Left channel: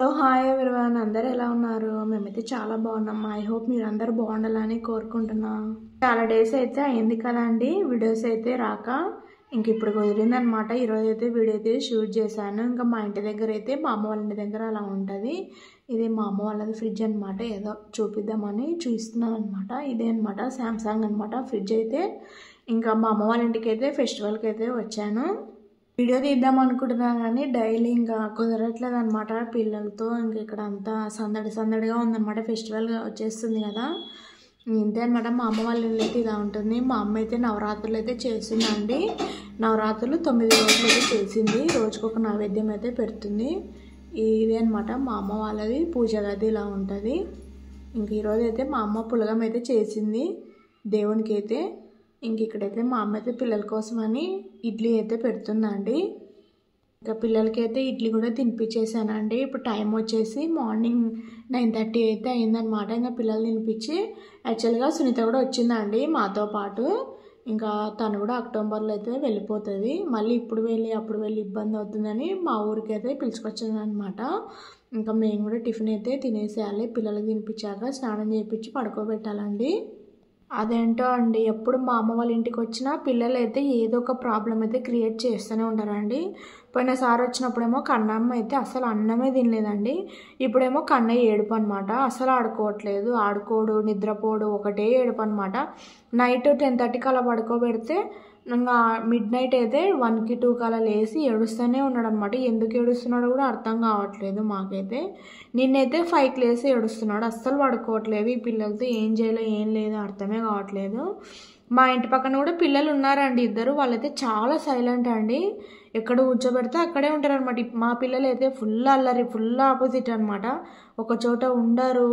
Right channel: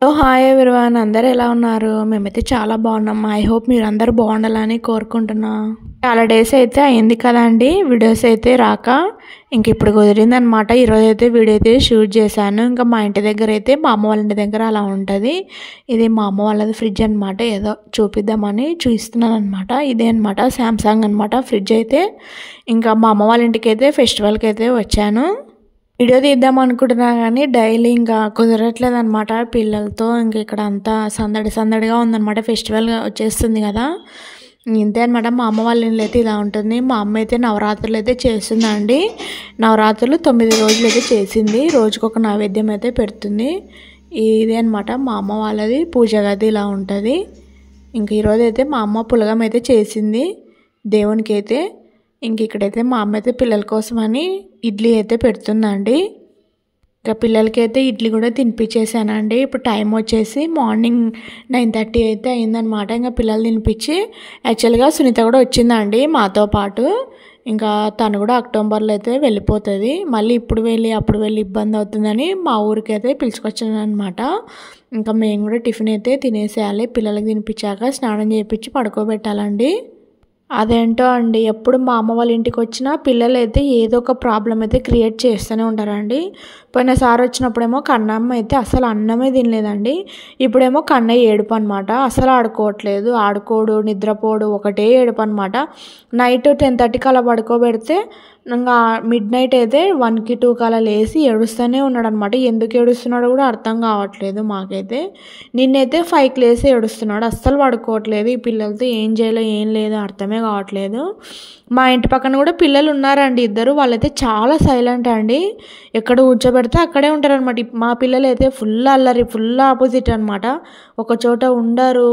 Hi everyone, అందరూ ఎలా ఉన్నారు? మేమైతే చాలా బాగున్నాం. ఐ హోప్ మీరు అందరూ బాగుండాలని కోరుకుంటున్నా. చాలా డేస్ అయితే అయింది కదండి వీడియోస్ అయితే రాక. ఇంక ఇప్పుడు కుదిరిందనమాట. ఈరోజు అయితే వీడియో అయితే షూట్ చేశాను. ఇంకా మా ఇంటి దగ్గర అయితే మా అమ్మ వాళ్ళ ఇంటి దగ్గర అలా ఉంటుంది. ఇది మా అమ్మ వాళ్ళది ఫ్రిడ్జ్ అనమాట. ఏదో చూపిద్దామని చూపిస్తున్నాను అనమాట. ఇదే అనమాట శాంసంగ్ అనమాట ఫ్రిడ్జ్ అయితే. ఇంకా మా అమ్మ వాళ్ళ ఇంటికి అయితే ఫెస్టివల్కి అయితే వచ్చాను. వీడియో తీద్దాం అనుకుంటున్నా కానీ డైలీ ఇంకా కుదరట్లేదు అనమాట పిల్లలతో. ఇంక ఇక్కడ అంతా సందడిగా ఉందన్నమాట. ఫెస్టివల్ వచ్చేస్తుంది కదా, ఇంతే అనమాట. మా అమ్మ వాళ్ళ ఇల్లు అయితే ఇలా ఉంటుంది. మా అమ్మ అయితే నవరాత్రులు అయితే చేస్తుందండి. నవరాత్రులు 9 రోజులు అయితే చేసింది. రోజుకొక నైవేద్యం అయితే పెడుతుంది. ఇదే అనమాట మా అమ్మ వాళ్ళది పూజ గది ఇలా ఉంటుంది. ఇంక ఈరోజు అయితే మా అమ్మ పులగం అయితే చేసింది దేవునికి అయితే. ఇంక ఇక్కడైతే మా అమ్మ అయితే పిల్లల కోసమని ఇడ్లీ అయితే పెడుతుందండి. ఇంకా పిల్లలకి అయితే ఇడ్లీ కూడా తినిపించేసానండి. ఇప్పుడు టైం వచ్చేసి మార్నింగ్ 9:30 అయితే అయిందనమాట. ఇంకా పిల్లలు తినిపించి యాక్చువల్గా సునీత కూడా వచ్చిందండి మాతో పాటు. ఇంకా తను కూడా అక్టోబర్లో అయితే వెళ్ళిపోతుంది. మళ్ళీ ఇప్పుడు వెళ్ళి అప్పుడు వెళ్ళి ఇబ్బంది అవుతుందని మా ఊరికి అయితే పిలుచుకొచ్చాను అనమాట. ఇంకా మేము కూడా టిఫిన్ అయితే తినేసేయాలి. పిల్లలకి తినిపించాక స్నానం చేయించి పడుకోబెట్టాలండి. అదేంటో అండి, ఎప్పుడు మా అమ్మ వాళ్ళ ఇంటికి వచ్చినా పిల్లలు అయితే ఏదో ఒక ప్రాబ్లం అయితే క్రియేట్ చేస్తూనే ఉంటారండి. పోయినసారి వచ్చినప్పుడేమో కన్నమ్మ అయితే అసలు అన్నమే తినలేదండి. ఇప్పుడేమో కన్నయ్య ఏడుపు అనమాట. అసలు ఆడుకోవట్లేదు, ఆడుకోడు, నిద్రపోడు, ఒకటే ఏడుపు అనమాట. నైట్ 10:30కి అలా పడుకోబెడితే ఇంకా మిడ్ నైట్ అయితే 1కి 2కి అలా లేచి ఏడుస్తూనే ఉన్నాడు అనమాట. ఎందుకు ఏడుస్తున్నాడో కూడా అర్థం కావట్లేదు మాకైతే. నిన్నైతే 5కి లేచి ఏడుస్తున్నాడు. అస్సలు పడుకోవట్లేదు. ఈ పిల్లలతో ఏం చేయాలో ఏం లేదో అర్థమే కావట్లేదు. మా ఇంటి పక్కన కూడా పిల్లలు ఉన్నారండి ఇద్దరు. వాళ్ళైతే చాలా సైలెంట్ అండి. ఎక్కడ కూర్చోబెడితే అక్కడే ఉంటారనమాట. మా పిల్లలు అయితే ఫుల్ అల్లరి, ఫుల్ ఆపోజిట్ అనమాట. ఒక చోట ఉండరు,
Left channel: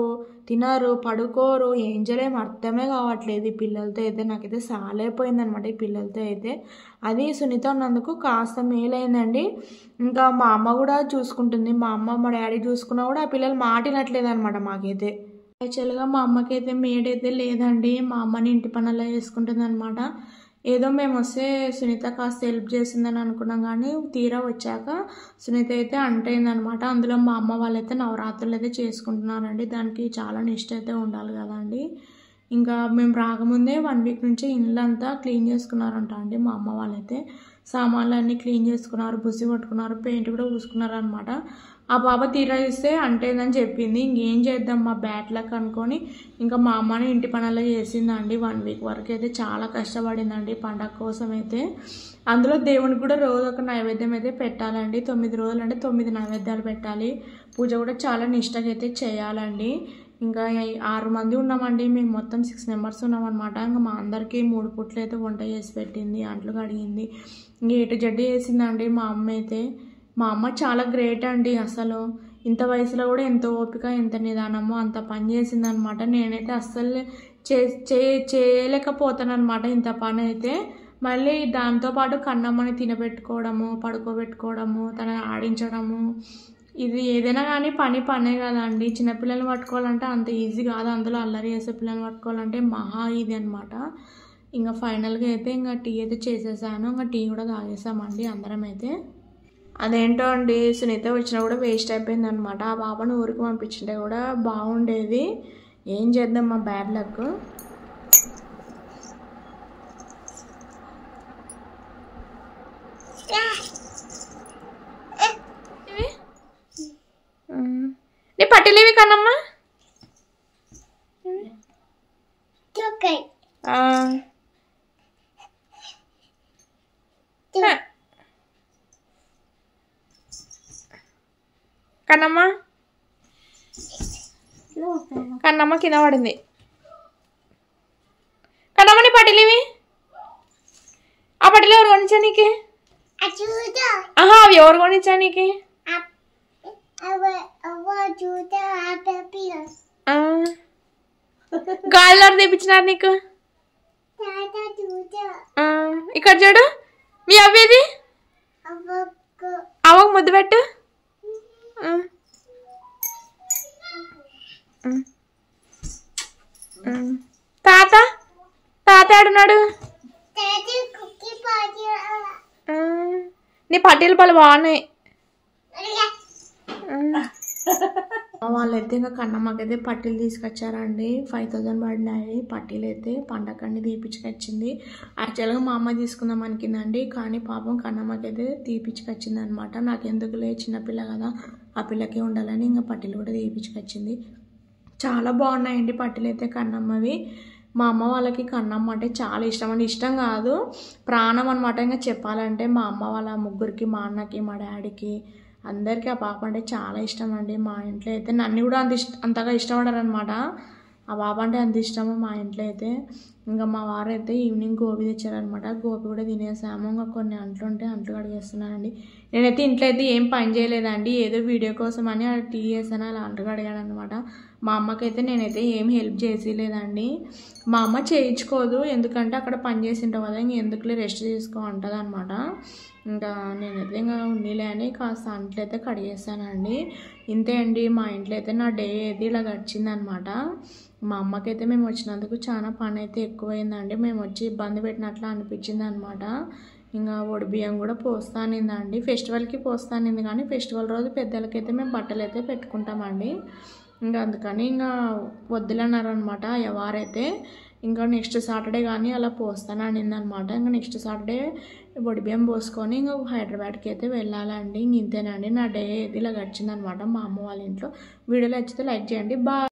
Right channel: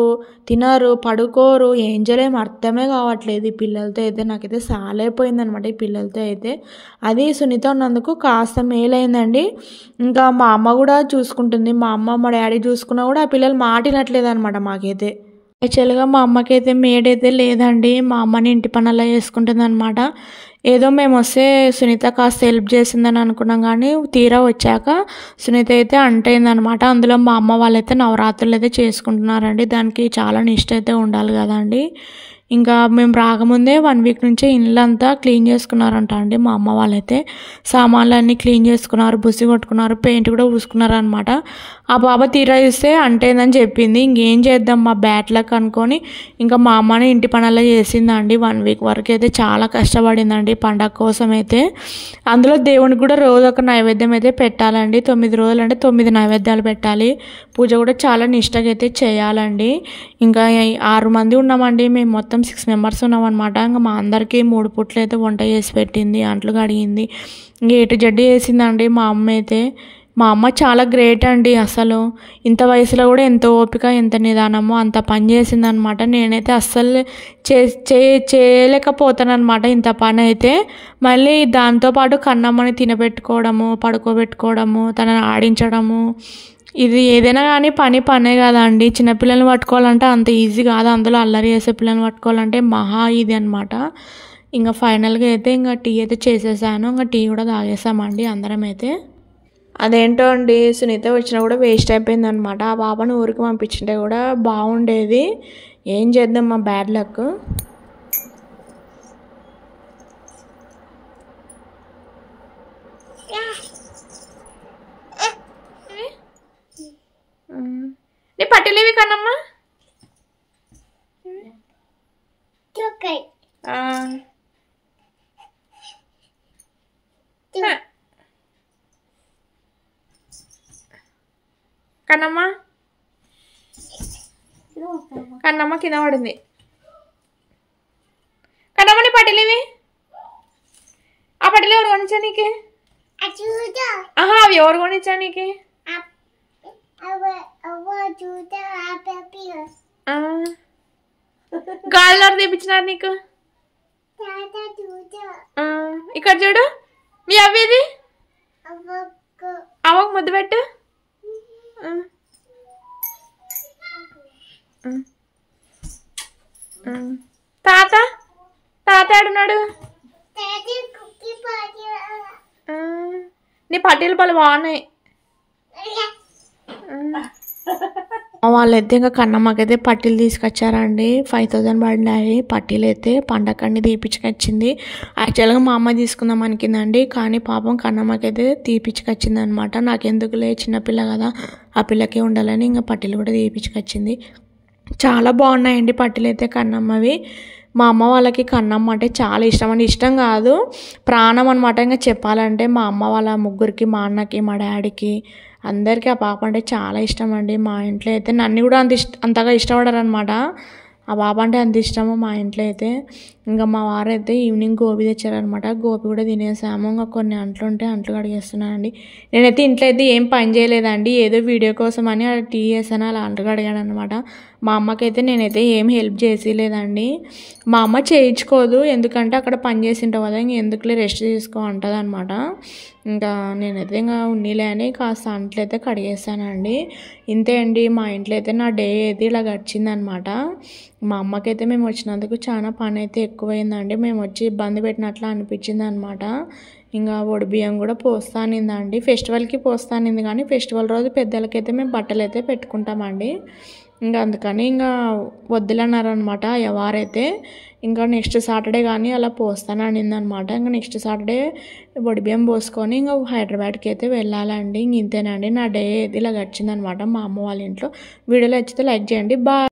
తినరు, పడుకోరు, ఏం చేయలేము అర్థమే కావట్లేదు ఈ పిల్లలతో అయితే. నాకైతే సాలైపోయిందనమాట ఈ పిల్లలతో అయితే. అది సునీత ఉన్నందుకు కాస్త మేలైందండి. ఇంకా మా అమ్మ కూడా చూసుకుంటుంది. మా అమ్మ మా డాడీ చూసుకున్నా కూడా ఆ పిల్లలు మాటినట్లేదు అనమాట మాకైతే. యాక్చువల్గా మా అమ్మకైతే మేడైతే లేదండి. మా అమ్మని ఇంటి పనుల్లో చేసుకుంటుంది అనమాట. ఏదో మేము వస్తే సునీత కాస్త హెల్ప్ చేసిందని అనుకున్నాం కానీ తీరా వచ్చాక సునీత అయితే అంటైందనమాట. అందులో మా అమ్మ వాళ్ళైతే నవరాత్రులు అయితే చేసుకుంటున్నారండి. దానికి చాలా నిష్ట అయితే ఉండాలి కదండి. ఇంకా మేము రాకముందే 1 వీక్ నుంచే ఇల్లంతా క్లీన్ చేసుకున్నారంట అండి మా అమ్మ వాళ్ళైతే. సామాన్లు అన్నీ క్లీన్ చేసుకున్నారు, బుసి కొట్టుకున్నారు, పెయింట్ కూడా పూసుకున్నారు అనమాట. ఆ బాబా తీరా చూస్తే అంటేందని చెప్పింది. ఇంకేం చేద్దాం మా బ్యాడ్ లక్ అనుకొని ఇంకా మా అమ్మని ఇంటి పనుల్లో చేసిందండి. 1 వీక్ వరకు అయితే చాలా కష్టపడిందండి పండగ కోసం అయితే. అందులో దేవునికి కూడా రోజు ఒక నైవేద్యం అయితే పెట్టాలండి. 9 రోజులు అంటే 9 నైవేద్యాలు పెట్టాలి. పూజ కూడా చాలా నిష్టగా అయితే చేయాలండి. ఇంకా 6 మంది ఉన్నామండి. మేము మొత్తం 6 మెంబర్స్ ఉన్నామన్నమాట. ఇంకా మా అందరికీ 3 పూట్లు అయితే వంట చేసి పెట్టింది, అంట్లు కడిగింది, ఇంకా ఎటు జడ్డు చేసిందండి మా అమ్మ అయితే. మా అమ్మ చాలా గ్రేట్ అండి. అసలు ఇంత వయసులో కూడా ఎంత ఓపిక, ఎంత నిదానమో అంత పని చేసిందనమాట. నేనైతే అస్సలు చేయలేకపోతానమాట ఇంత పని అయితే. మళ్ళీ దాంతోపాటు కన్నమ్మని తినబెట్టుకోవడము, పడుకోబెట్టుకోవడము, తనని ఆడించడము, ఇది ఏదైనా కానీ పనే కదా అండి. చిన్నపిల్లల్ని పట్టుకోవాలంటే అంత ఈజీ కాదు. అందులో అల్లరి చేసే పిల్లల్ని పట్టుకోవాలంటే మహా ఇది అనమాట. ఇంకా ఫైనల్గా అయితే ఇంకా టీ అయితే చేసేసాను. ఇంకా టీ కూడా తాగేసామండి అందరం అయితే. అదేంటో అండి, సునీత వచ్చినా కూడా వేస్ట్ అయిపోయింది అనమాట. ఆ బాబాను ఊరికి పంపించింటే కూడా బాగుండేది. ఏం చేద్దాం మా బ్యాడ్ లక్. నీ పట్టిలేవి కన్నమ్మా. కన్నమ్మ కన్నమ్మ కింద పడింది. కన్నమ్మ నీ పట్టిలేవి. ఆ పట్టిలు ఎవరు కొనిచ్చా నీకు? అవి ఎవరు కొనిచ్చా నీకు? గాలిలో తెప్పించినారు నీకు? ఇక్కడ చూడు, మీ అవ్వేది అవ్వకు ముద్దు పెట్టు. తాత తాత ఆడున్నాడు. నీ పట్టీలు పళ్ళు బాగున్నాయి. వాళ్ళైతే ఇంకా కన్నమ్మకైతే పట్టీలు తీసుకొచ్చారండి. 5000 పడినాయి పట్టీలు అయితే. పండగకన్నీ తీపిచ్చుకొచ్చింది. యాక్చువల్గా మా అమ్మ తీసుకుందాం అనుకుందండి, కానీ పాపం కన్నమ్మకైతే తీపిచ్చుకొచ్చింది అనమాట. నాకెందుకులే చిన్నపిల్ల కదా, ఆ పిల్లకే ఉండాలని ఇంకా పట్టీలు కూడా తీపిచ్చుకొచ్చింది. చాలా బాగున్నాయండి పట్టీలు అయితే కన్నమ్మవి. మా అమ్మ వాళ్ళకి కన్నమ్మ అంటే చాలా ఇష్టం అండి. ఇష్టం కాదు, ప్రాణం అనమాట. ఇంకా చెప్పాలంటే మా అమ్మ వాళ్ళ ముగ్గురికి, మా అన్నకి, మా డాడీకి, అందరికీ ఆ పాప అంటే చాలా ఇష్టం అండి. మా ఇంట్లో అయితే నన్ను కూడా అంతగా ఇష్టపడరు అనమాట. ఆ పాప అంటే అంత ఇష్టము మా ఇంట్లో అయితే. ఇంకా మా వారైతే ఈవినింగ్ గోబీ తెచ్చారనమాట. గోబీ కూడా తినేసాము. ఇంకా కొన్ని అంట్లు ఉంటే అంట్లు కడిగేస్తున్నానండి. నేనైతే ఇంట్లో అయితే ఏం పని చేయలేదండి, ఏదో వీడియో కోసం అని టీ చేసాను, అలా అంట్లు కడిగాను అనమాట. మా అమ్మకైతే నేనైతే ఏం హెల్ప్ చేసేలేదండి. మా అమ్మ చేయించుకోదు, ఎందుకంటే అక్కడ పని చేసింటావు కదా, ఇంక ఎందుకులే రెస్ట్ తీసుకో అంటుంది అనమాట. ఇంకా నేనైతే ఇంకా ఉన్నీలే అని కాస్త అంట్లు అయితే కడిగేసానండి. ఇంతే అండి మా ఇంట్లో అయితే నా డే అయితే ఇలా గడిచిందనమాట. మా అమ్మకైతే మేము వచ్చినందుకు చాలా పని అయితే ఎక్కువైందండి. మేము వచ్చి ఇబ్బంది పెట్టినట్లు అనిపించింది అనమాట. ఇంకా బియ్యం కూడా పోస్తానిందండి, ఫెస్టివల్కి పోస్తానింది, కానీ ఫెస్టివల్ రోజు పెద్దలకైతే మేము బట్టలు అయితే పెట్టుకుంటామండి. ఇంకా అందుకని ఇంకా వద్దులన్నారనమాట ఎవరైతే. ఇంకా నెక్స్ట్ సాటర్డే కానీ అలా పోస్తాననింది అనమాట. ఇంకా నెక్స్ట్ సాటర్డే బియ్యం పోసుకొని ఇంకా హైదరాబాద్కి అయితే వెళ్ళాలండి. ఇంక ఇంతేనండి నా డే ఇలా గడిచిందనమాట మా అమ్మ వాళ్ళ ఇంట్లో. వీడియోలో నచ్చితే లైక్ చేయండి. బాయ్.